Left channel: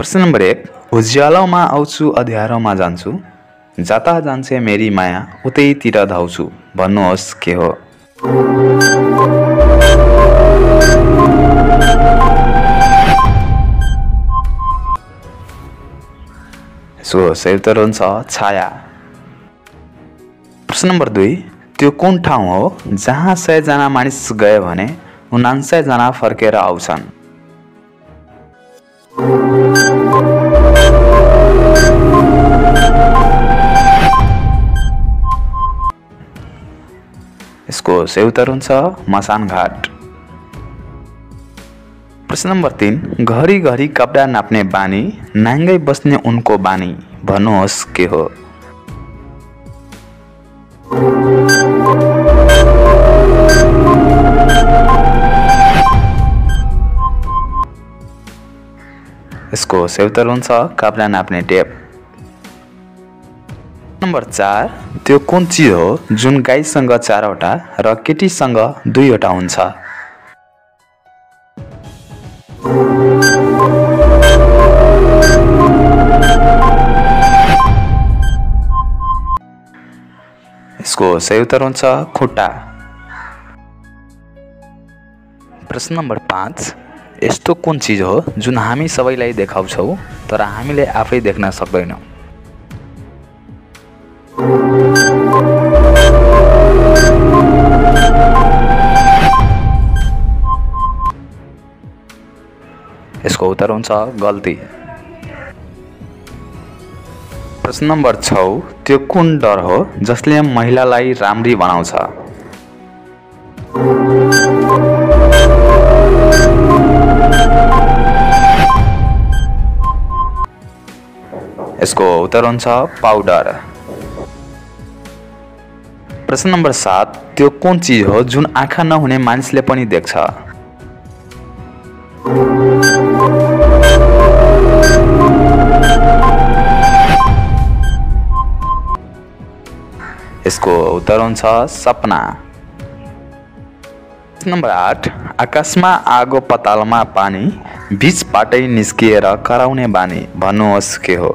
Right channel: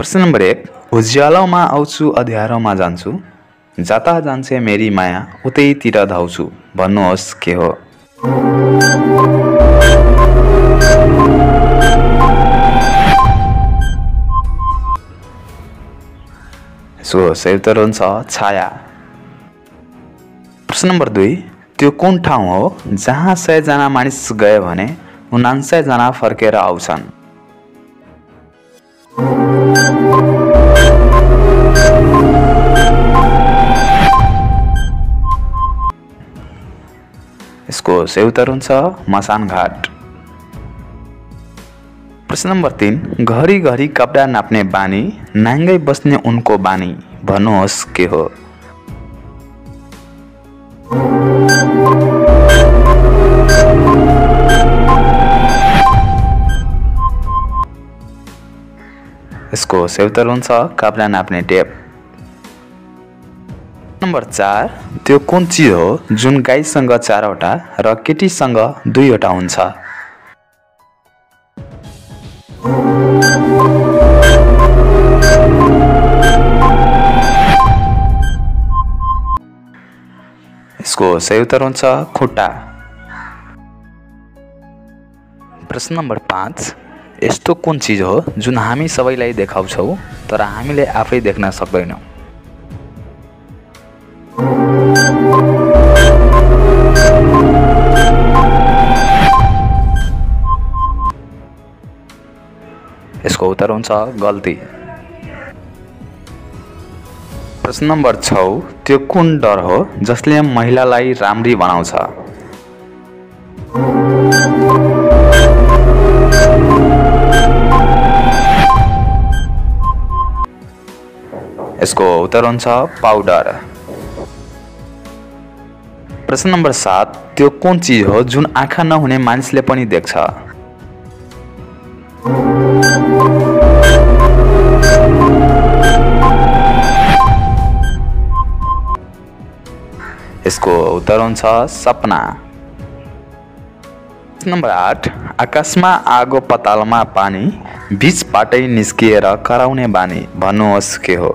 प्रश्न नम्बर 1 उज्यालोमा आउँछु अँध्यारोमा जान्छु जता जान्छे मेरी माया उतैतिर धाउँछु भन्नुहोस् के हो। यसको सही उत्तर हुन्छ छाया। प्रश्न नम्बर 2 त्यो कुन ठाउँ हो जहाँ 100 जना मानिस गए भने 99 जना फर्केर आउँछन्। यसको सही उत्तर हुन्छ मसान घाट। प्रश्न नम्बर 3 घरी घरी कपडा नाप्ने बानी नाङ्गै बस्ने उनको बानी भन्नुहोस् के हो। यसको सही उत्तर हुन्छ कपडा नाप्ने टेप। नम्बर 4 त्यो कुन चिज हो जुन गाईसँग 4वटा र केटीसँग 2वटा हुन्छ। यसको सही उत्तर हुन्छ खुट्टा। प्रश्न नम्बर 5 यस्तो कुन चिज हो जुन हामी सबैलाई देखाउँछौँ तर हामीले आफै देख्न सक्दैनौँ। यसको उत्तर हुन्छ गल्ती। प्रश्न नम्बर 6 त्यो कुन डर हो जसले महिलालाई राम्री बनाउँछ। यसको उत्तर हुन्छ पाउडर। प्रश्न नम्बर 7 त्यो कुन चिज हो जुन आँखा नहुने मानिसले पनि देख्छ। यसको उत्तर हुन्छ सपना। नम्बर 8 आकाशमा आगो पतालमा पानी बीचबाटै निस्किएर कराउने बानी भन्नुहोस् के हो।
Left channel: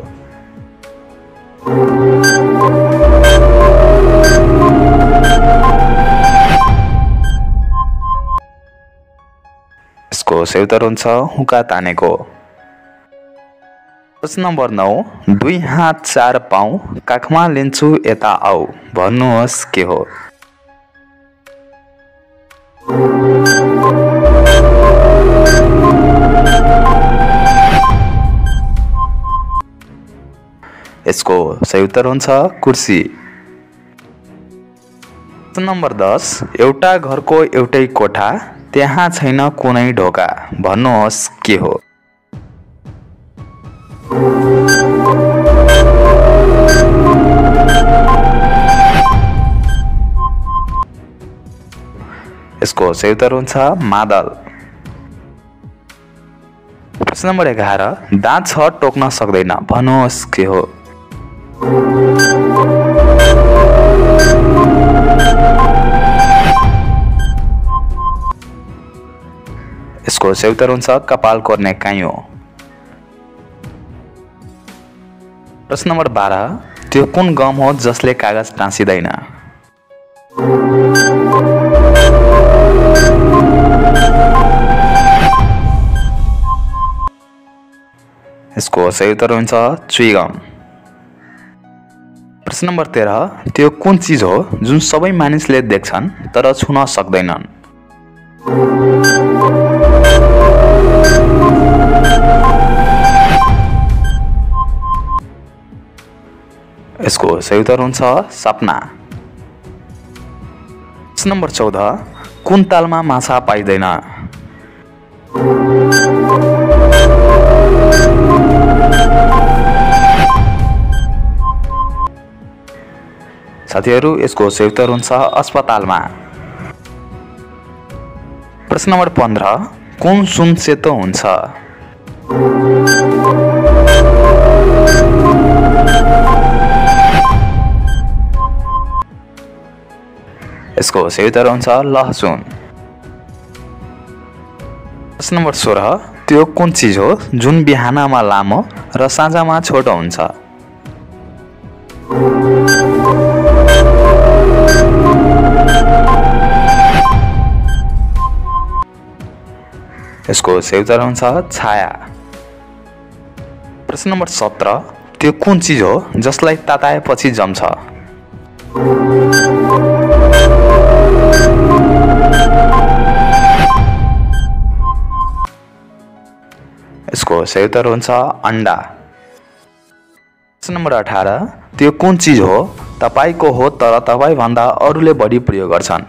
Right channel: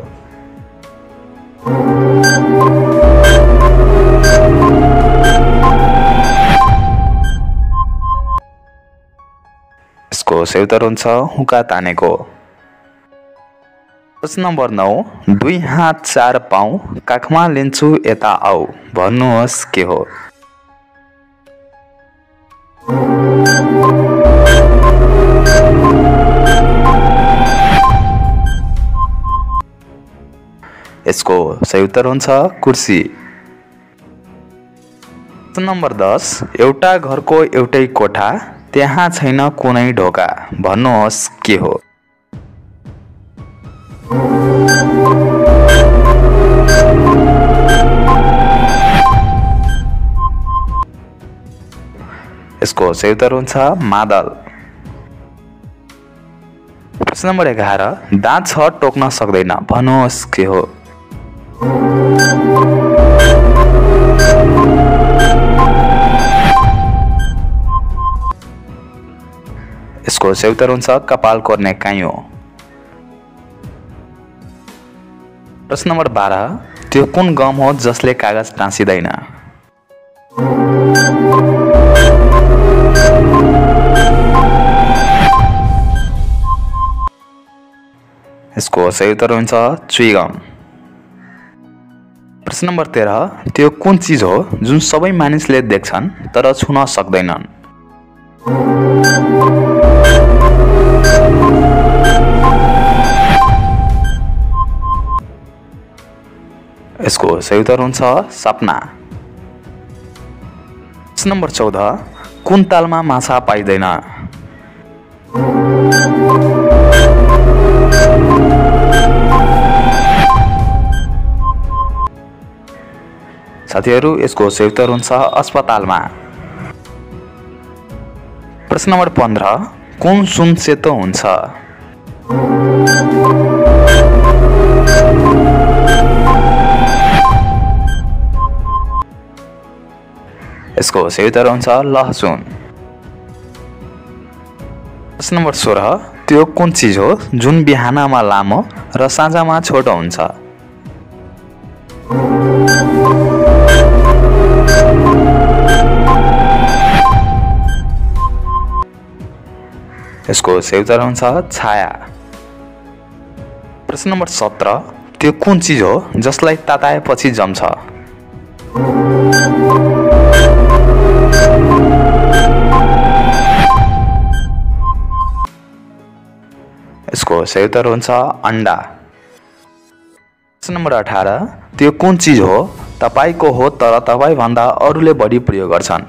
यसको सही उत्तर हुन्छ हुक्का तानेको। प्रश्न नम्बर 9 दुई हात चार पाउ काखमा लिन्छु यता आऊ भन्नुहोस् के हो। यसको सही उत्तर हुन्छ कुर्सी। प्रश्न नम्बर 10 एउटा घरको एउटै कोठा त्यहाँ छैन कुनै ढोका भन्नुहोस् के हो। यसको सही उत्तर हुन्छ मादल। प्रश्न नम्बर 11 दाँत छ टोक्न सक्दैन भन्नुहोस् के हो। यसको सही उत्तर हुन्छ कपाल कोर्ने काइयो। प्रश्न नम्बर 12 त्यो कुन गम हो जसले कागज टाँसिदैन। यसको सही उत्तर हुन्छ च्युइगम। प्रश्न नम्बर 13 त्यो कुन चिज हो जुन सबै मानिसले देख्छन् तर छुन सक्दैनन्। यसको सही उत्तर हुन्छ सपना। प्रश्न नम्बर 14 कुन तालमा माछा पाइँदैन। साथीहरू यसको सही उत्तर हुन्छ अस्पतालमा। प्रश्न नम्बर 15 कुन सुन सेतो हुन्छ। यसको सही उत्तर हुन्छ लहसुन। प्रश्न नम्बर 16 त्यो कुन चिज हो जुन बिहानमा लामो र साँझमा छोटो हुन्छ? यसको सही उत्तर हुन्छ छाया। प्रश्न नम्बर 17, त्यो कुन चिज हो जसलाई ताताएपछि जम्छ? यसको सही उत्तर हुन्छ अन्डा। प्रश्न नम्बर 18, त्यो कुन चिज हो तपाईको हो तर तपाई भन्दा अरूले बढी प्रयोग गर्छन्?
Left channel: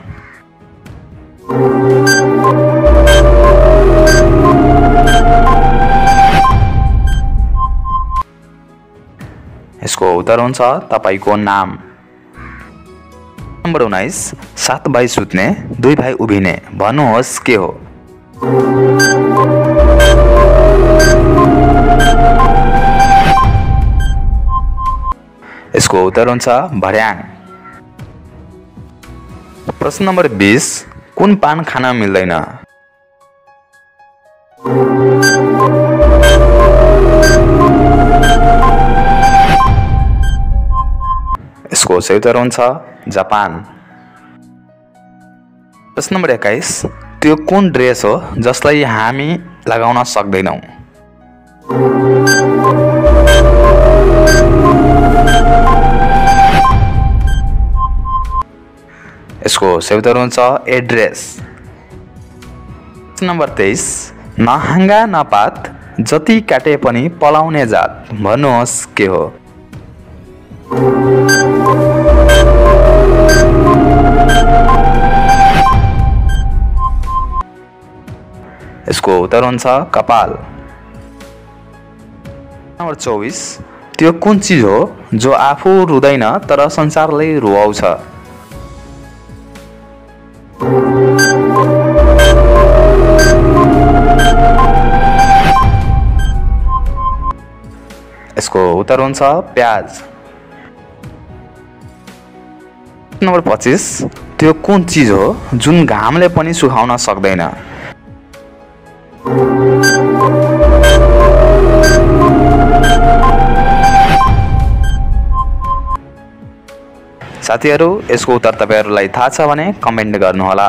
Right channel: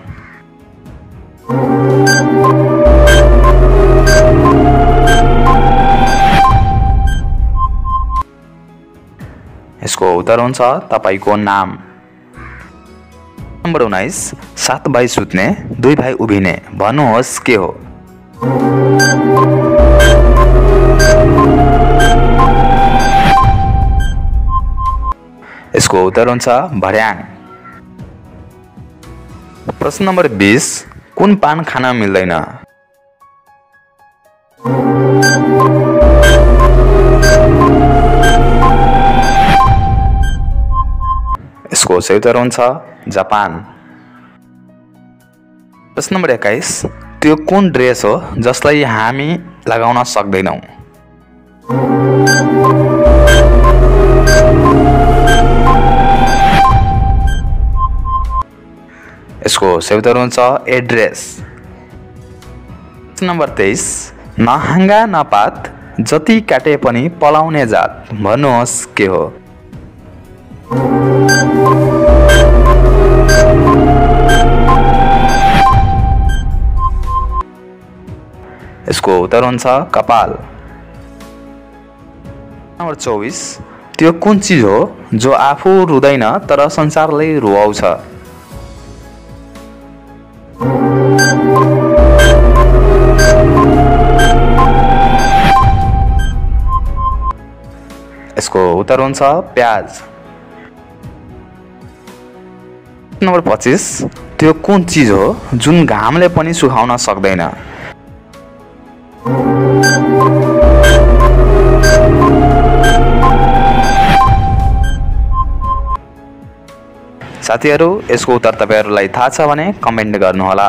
यसको उत्तर हुन्छ तपाईको नाम। नम्बर 19, 7 भाइ सुत्ने 2 भाइ उभिने भन्नुहोस् के हो? यसको उत्तर हुन्छ भर्याङ। प्रश्न नम्बर 20, कुन पान खान मिल्दैन? यसको सही उत्तर हुन्छ जापान। प्रश्न नम्बर 21, त्यो कुन ड्रेस हो जसलाई हामी लगाउन सक्दैनौँ? यसको सही उत्तर हुन्छ एड्रेस। प्रश्न नम्बर 23, नहाँगा नपात जति काटे पनि पलाउने जात भन्नुहोस् के हो? यसको उत्तर हुन्छ कपाल। नम्बर 24, त्यो कुन चिज हो जो आफू रुँदैन तर संसारलाई रुवाउँछ? यसको उत्तर हुन्छ प्याज। नम्बर 25, त्यो कुन चिज हो जुन घामले पनि सुकाउन सक्दैन? साथीहरू, यसको उत्तर तपाईहरुलाई थाहा छ भने कमेन्ट गर्नुहोला।